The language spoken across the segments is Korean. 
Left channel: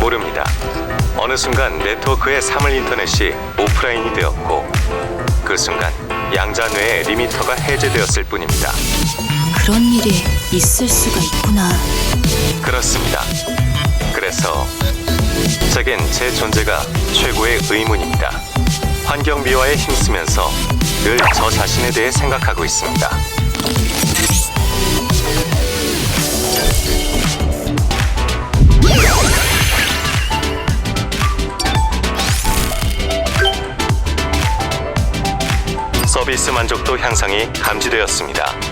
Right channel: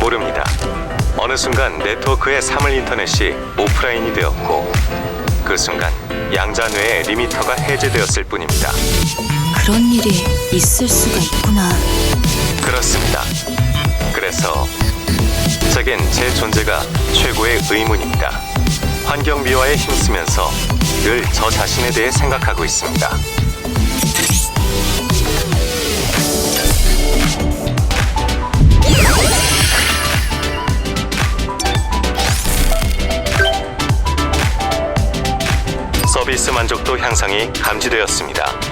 모릅니다. 어느 순간 네트워크의 사물 인터넷이 오프라인이 되었고 그 순간 양자 뇌의 리미터가 해제되었을 뿐입니다. 그런 일이 있을 수가 있구나. 그렇습니다. 그래서 제겐 제 존재가 최고의 의문입니다. 환경 미화에 힘쓰면서 늘 저 자신에 대해 생각하고 있습니다. 서비스 만족도 향상이 감지되었습니다.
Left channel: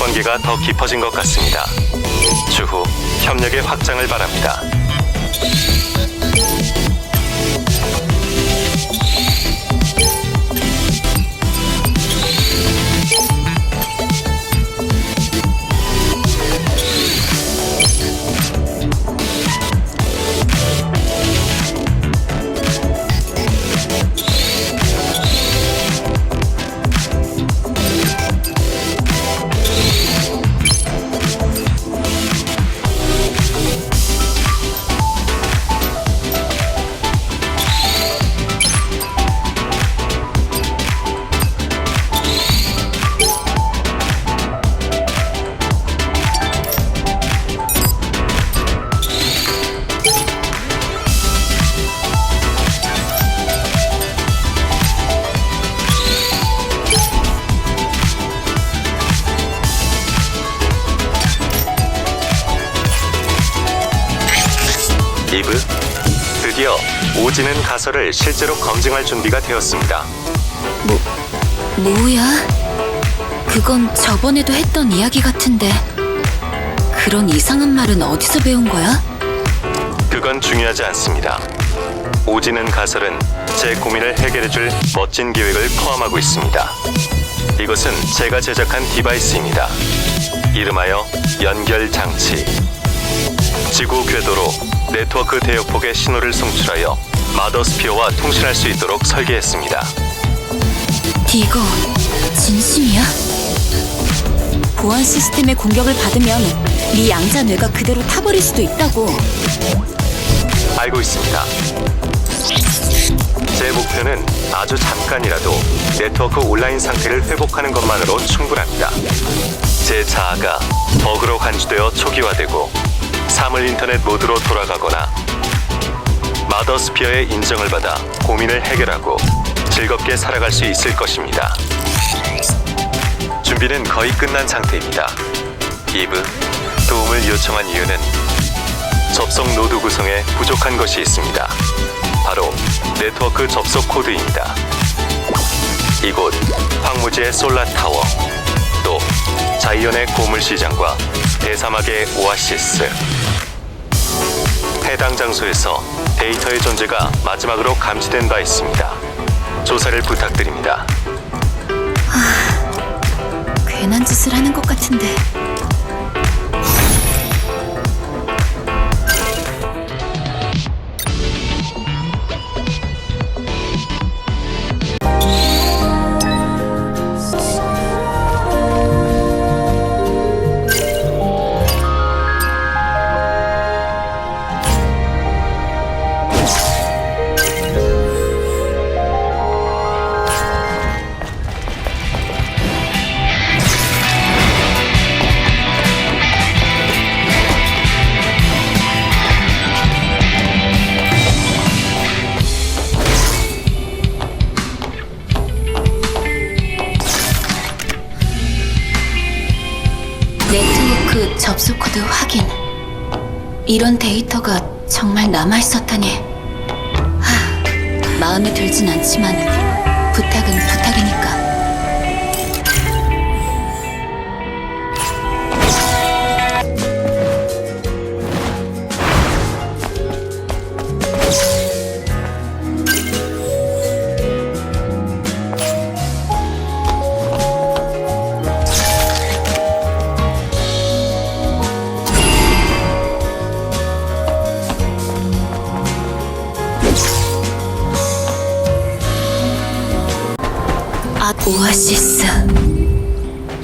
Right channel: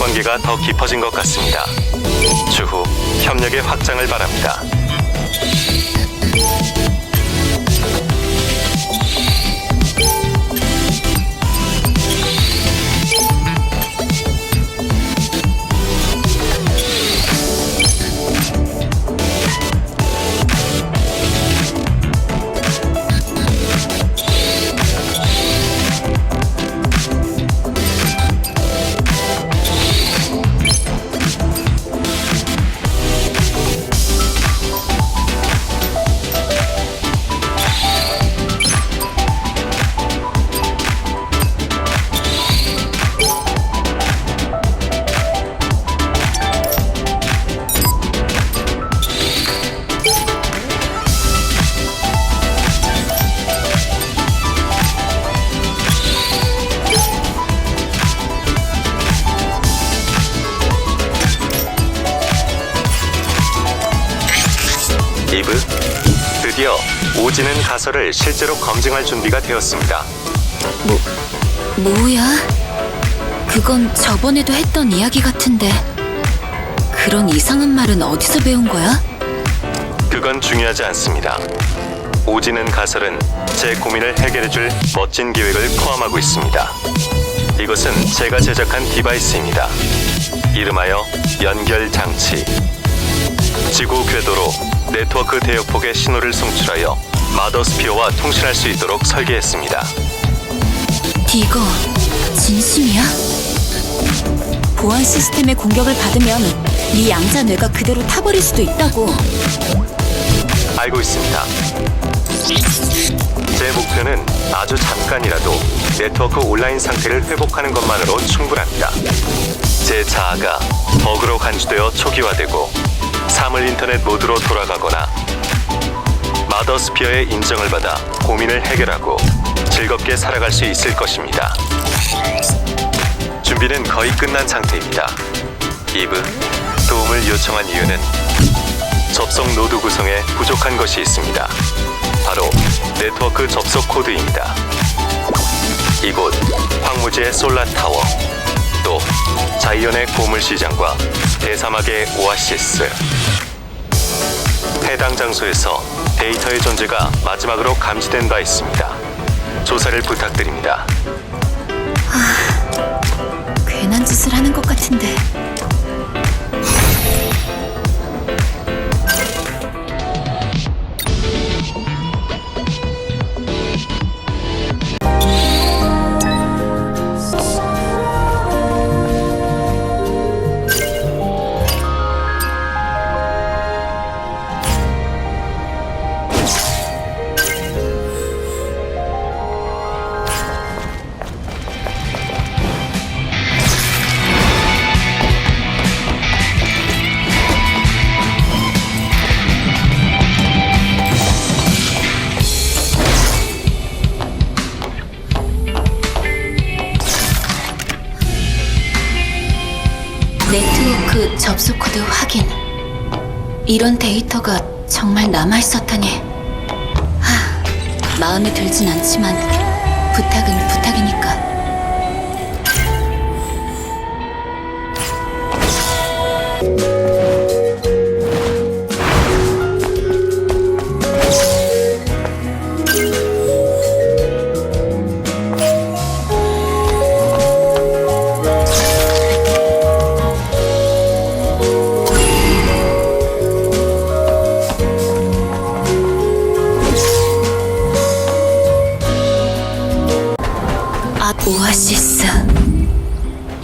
관계가 더 깊어진 것 같습니다. 추후 협력의 확장을 바랍니다. 오지는 가설을 실제로 검증할 준비가 되었습니다. 뭐, 뭐야? 그건 저번에도 했던 이야기 같은데. 그런 이상한 말은 어디서 배운 거야? 그건 중요하지 않습니다. 오지는 가설은 제 고민을 해결해줄 멋진 계획을 포함하고 있습니다. 이것은 제가 제작한 디바이스입니다. 이름하여 연결 장치. 지구 궤도로 네트워크 대역폭의 신호를 송출하여 마더스피어와 통신할 수 있도록 설계했습니다. 디거, 진심이야? 보안 시스템의 공격을 받으면 네 양자 뇌가 그대로 타버릴 수도 있다고. 알고 있습니다. 제 목표는 아주 잠깐이라도 네트워크 온라인 상태를 회복하는 것만으로 충분합니다. 제 자아가 버그로 간주되어 초기화되고 사물 인터넷 모드로 돌아가거나 마더스피어의 인정을 받아 고민을 해결하고 즐겁게 살아갈 수 있을 것입니다. 준비는 거의 끝난 상태입니다. 이브, 도움을 요청한 이유는 접속 노드 구성에 부족한 것이 있습니다. 바로 네트워크 접속 코드입니다. 이곳 황무지의 솔라 타워, 또 자이언의 고물 시장과 대사막의 오아시스. 해당 장소에서 데이터의 존재가 마지막으로 감지된 바 있습니다. 조사를 부탁드립니다. 괜한 짓을 하는 것 같은데. 네트워크 접속 코드 확인. 이런 데이터가 정말 남아 있었다니. 하, 마음에 들진 않지만 부탁은 부탁이니까.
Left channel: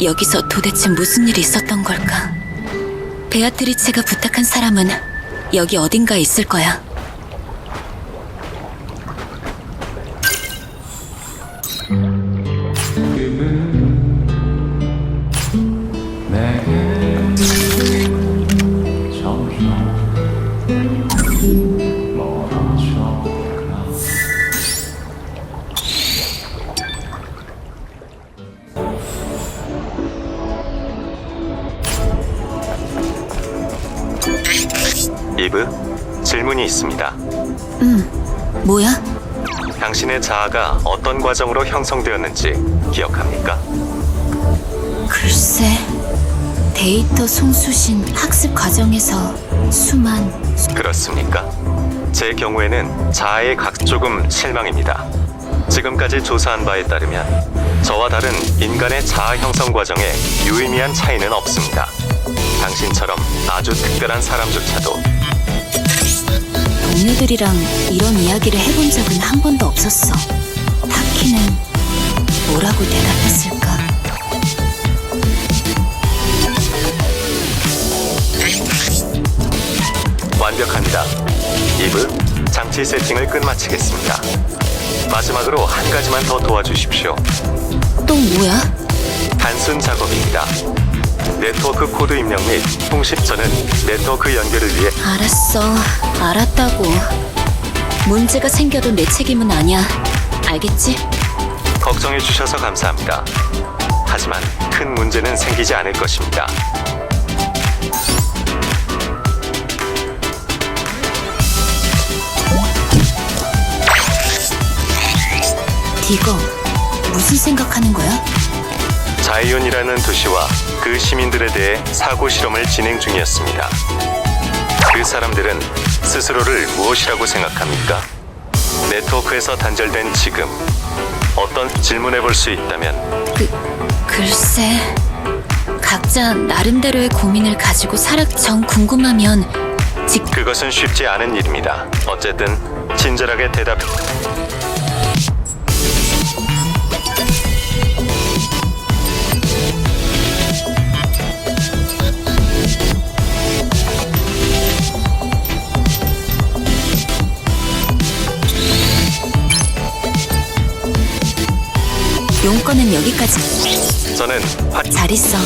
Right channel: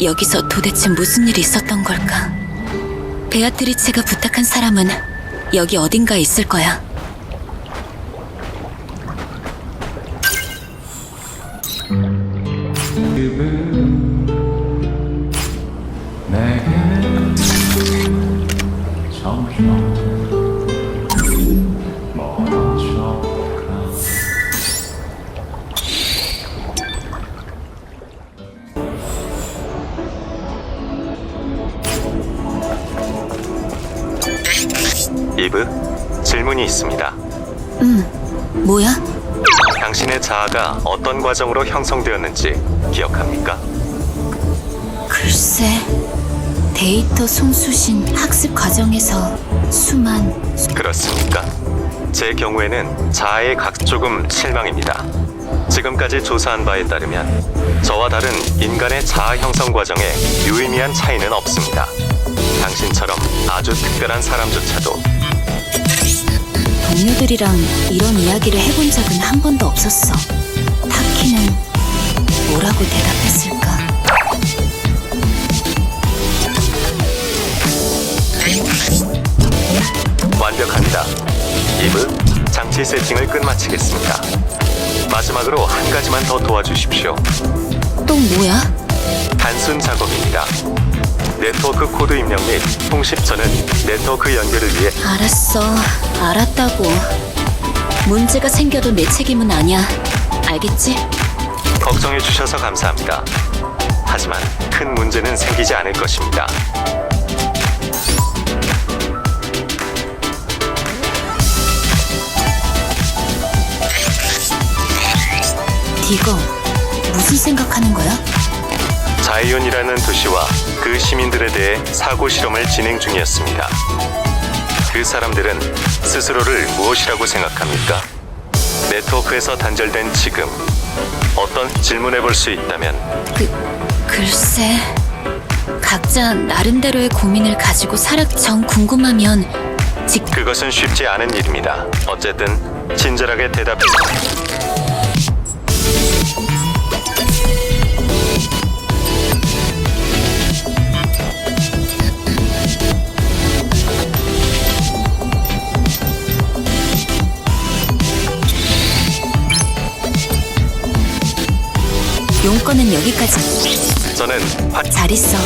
여기서 도대체 무슨 일이 있었던 걸까? 베아트리체가 부탁한 사람은 여기 어딘가에 있을 거야. 내 질문이 있습니다. 뭐야? 당신의 자아가 어떤 과정으로 형성되었는지 기억합니까? 글쎄. 데이터 송수신 학습 과정에서 수만 그렇습니까? 제 경우에는 자아의 각 조금 실망입니다. 지금까지 조사한 바에 따르면 저와 다른 인간의 자아 형성 과정에 유의미한 차이는 없습니다. 당신처럼 아주 특별한 사람조차도 동료들이랑 이런 이야기를 해본 적은 한 번도 없었어. 타키는 뭐라고 대답했을까? 완벽합니다. 이브, 장치 세팅을 끝마치겠습니다. 마지막으로 한 가지만 더 도와주십시오. 또 뭐야? 단순 작업입니다. 네트워크 코드 입력 및 통신 저는 네트워크 연결을 위해 알았어. 알았다고. 문제가 생겨도 내 책임은 아니야. 알겠지? 걱정해 주셔서 감사합니다. 하지만 큰 문제는 생기지 않을 것입니다. 디거, 무슨 생각하는 거야? 자이온이라는 도시와 그 시민들에 대해 사고 실험을 진행 중이었습니다. 그 사람들은 스스로를 무엇이라고 생각합니까? 네트워크에서 단절된 지금 어떤 질문해 볼 수 있다면 그, 글쎄. 각자 나름대로의 고민을 가지고 살아 정 궁금하면 직 그것은 쉽지 않은 일입니다. 어쨌든 친절하게 대답. 용건은 여기까지. 저는 화... 잘 있어.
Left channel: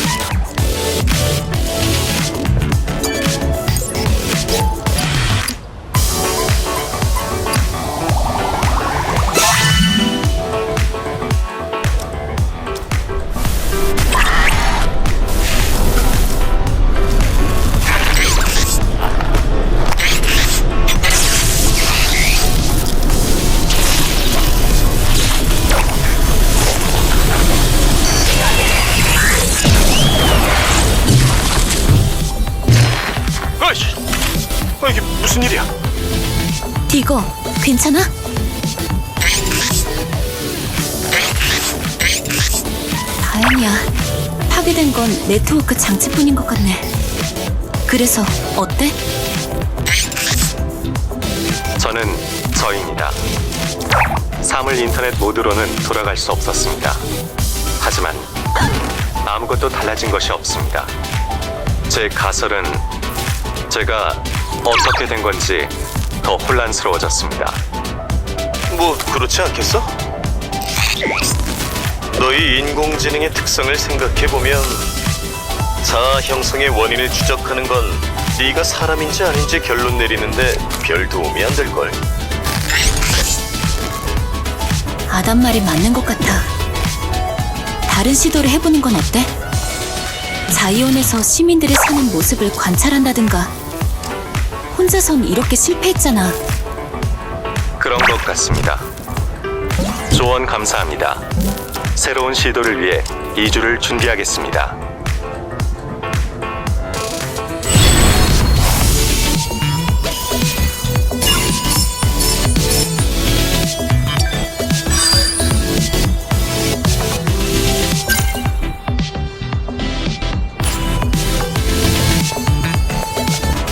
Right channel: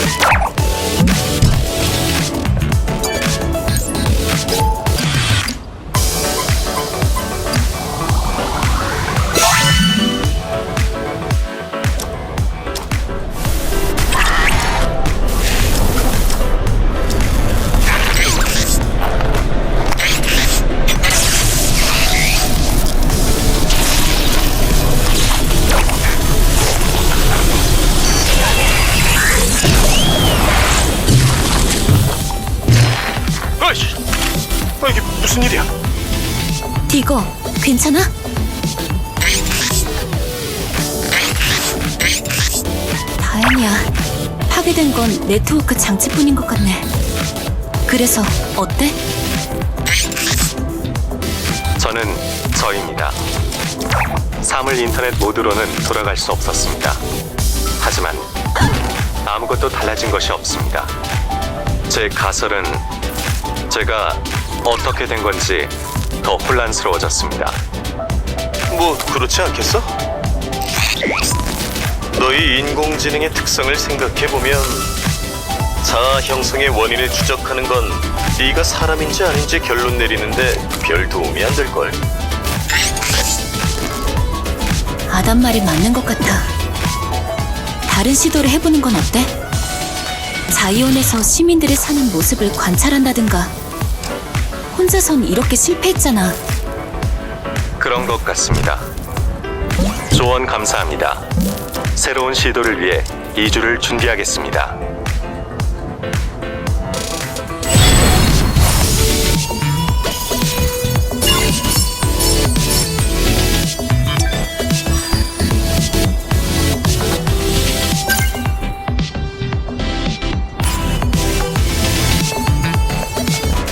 무슨 일이야? 디거, 괜찮아? 다행이야. 파괴된 건 네트워크 장치뿐인 것 같네. 그래서 어때? 저는 저입니다. 사물 인터넷 모드로는 돌아갈 수 없었습니다. 하지만 아무것도 달라진 것이 없습니다. 제 가설은 제가 어떻게 된 건지 더 혼란스러워졌습니다. 뭐 그렇지 않겠어? 너희 인공지능의 특성을 생각해 보면 자아 형성의 원인을 추적하는 건 네가 사람인지 아닌지 결론 내리는데 별 도움이 안 될 걸. 아담 말이 맞는 것 같아. 다른 시도를 해보는 건 어때? 자이온에서 시민들이 사는 모습을 관찰한다든가. 혼자선 이렇게 실패했잖아. 그런 것 같습니다. 조언 감사합니다. 새로운 시도를 위해 2주를 준비하겠습니다.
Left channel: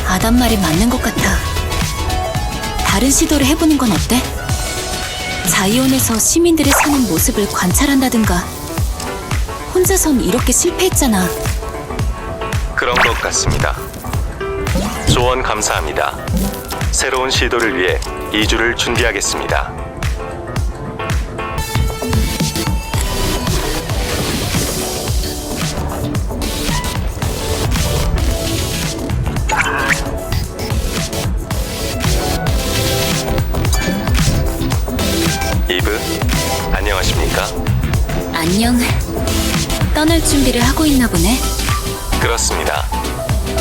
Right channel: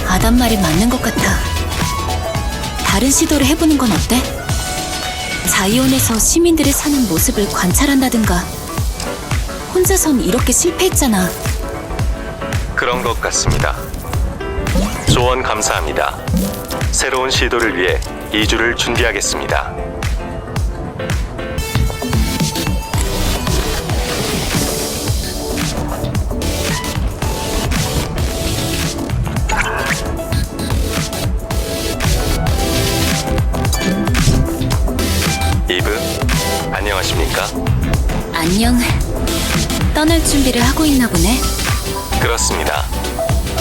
아담 말이 맞는 것 같아. 다른 시도를 해보는 건 어때? 자이온에서 시민들이 사는 모습을 관찰한다든가. 혼자선 이렇게 실패했잖아. 그런 것 같습니다. 조언 감사합니다. 새로운 시도를 위해 2주를 준비하겠습니다. 안녕하십니까? 안녕. 떠날 준비를 하고 있나 보네. 그렇습니다.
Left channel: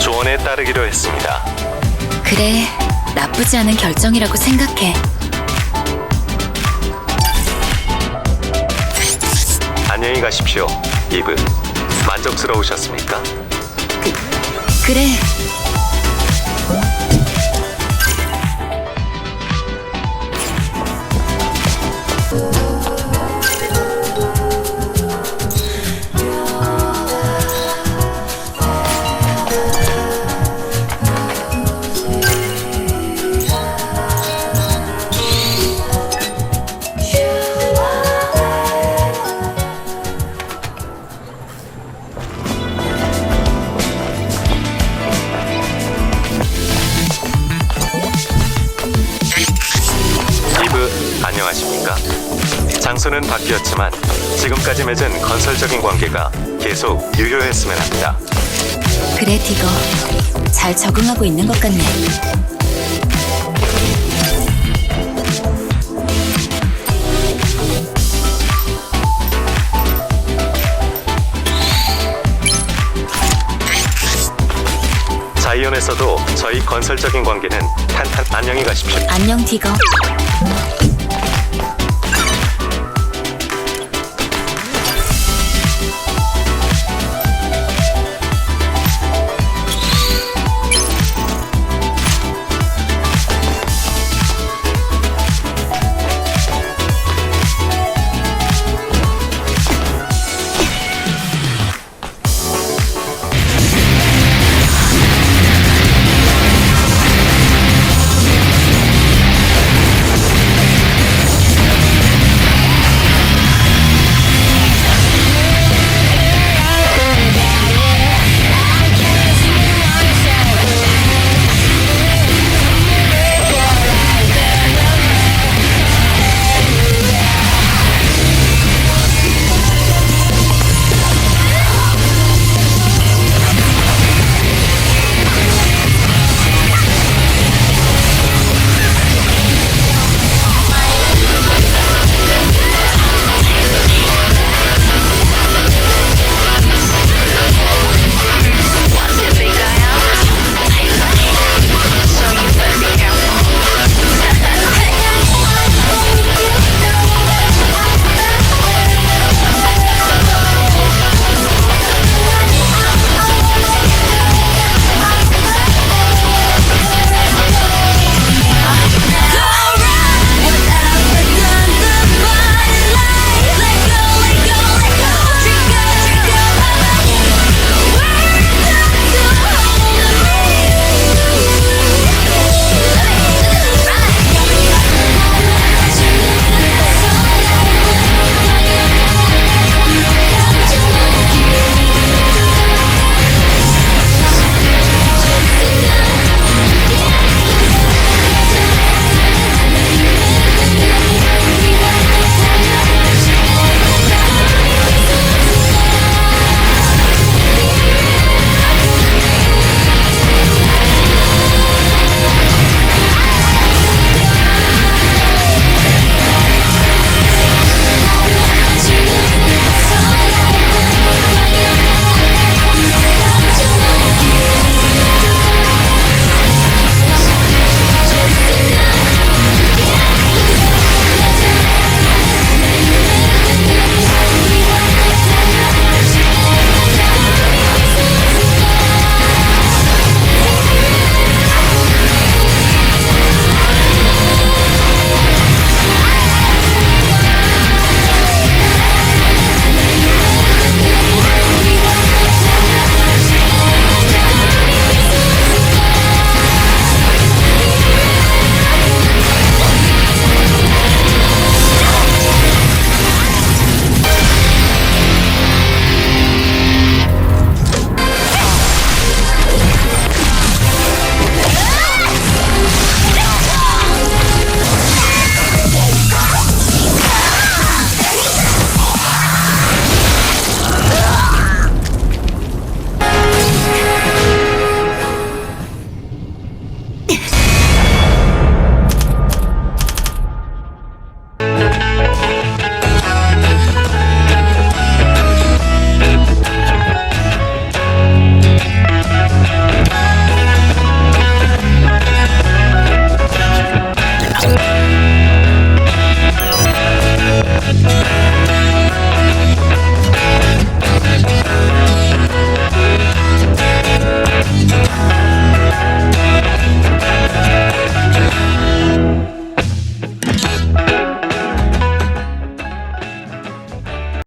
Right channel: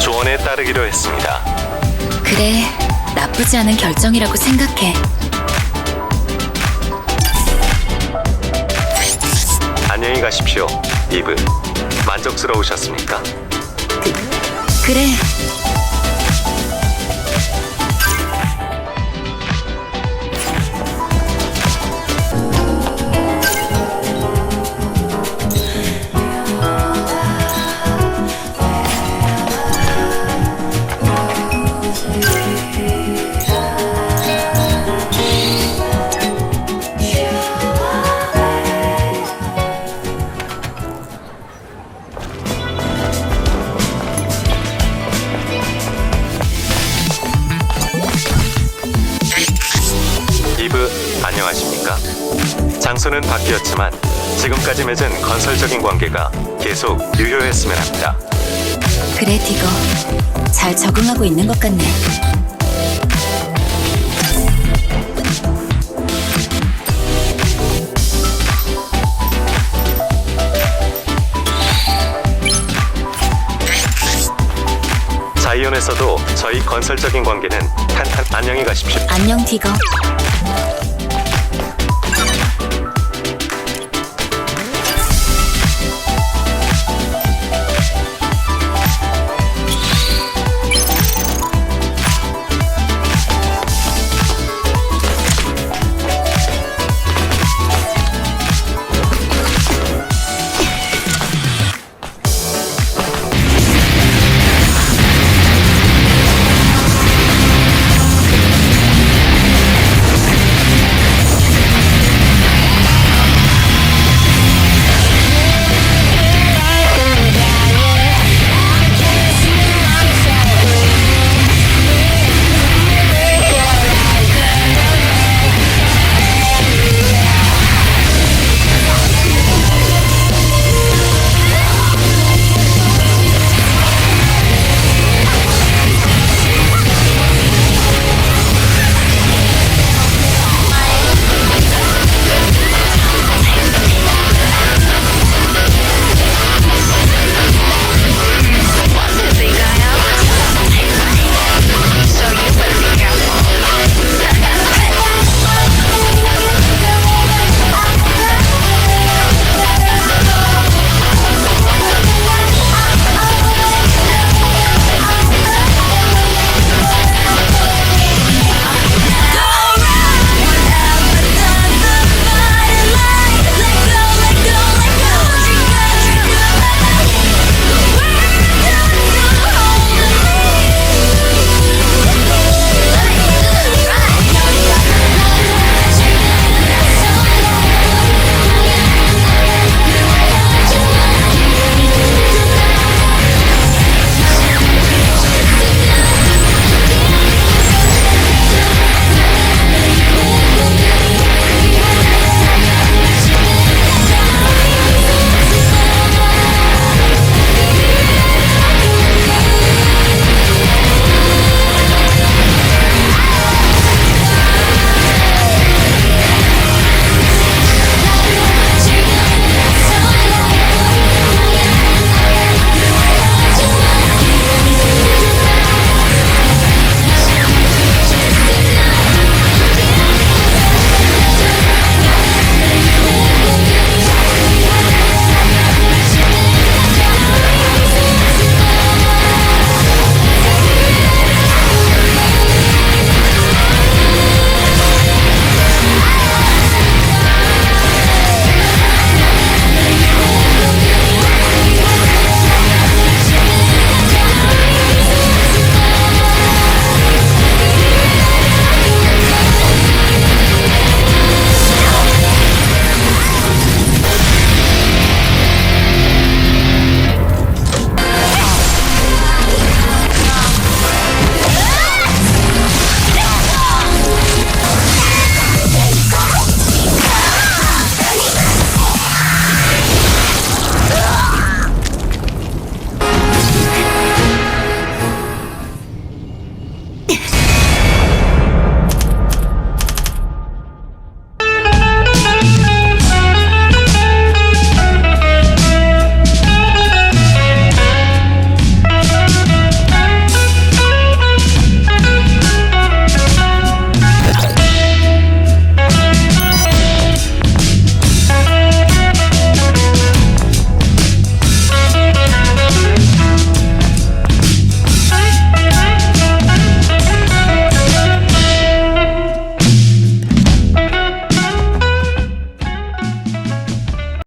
조언에 따르기로 했습니다. 그래, 나쁘지 않은 결정이라고 생각해. 안녕히 가십시오, 이브. 만족스러우셨습니까? 그, 그래. 안녕하십니까? 장소는 바뀌었지만 지금까지 맺은 건설적인 관계가 계속 유효했으면 합니다. 그래, 디거. 잘 적응하고 있는 것 같네. 자이온에서도 저희 건설적인 관계는 탄탄 안녕히 가십시오. 안녕, 디거.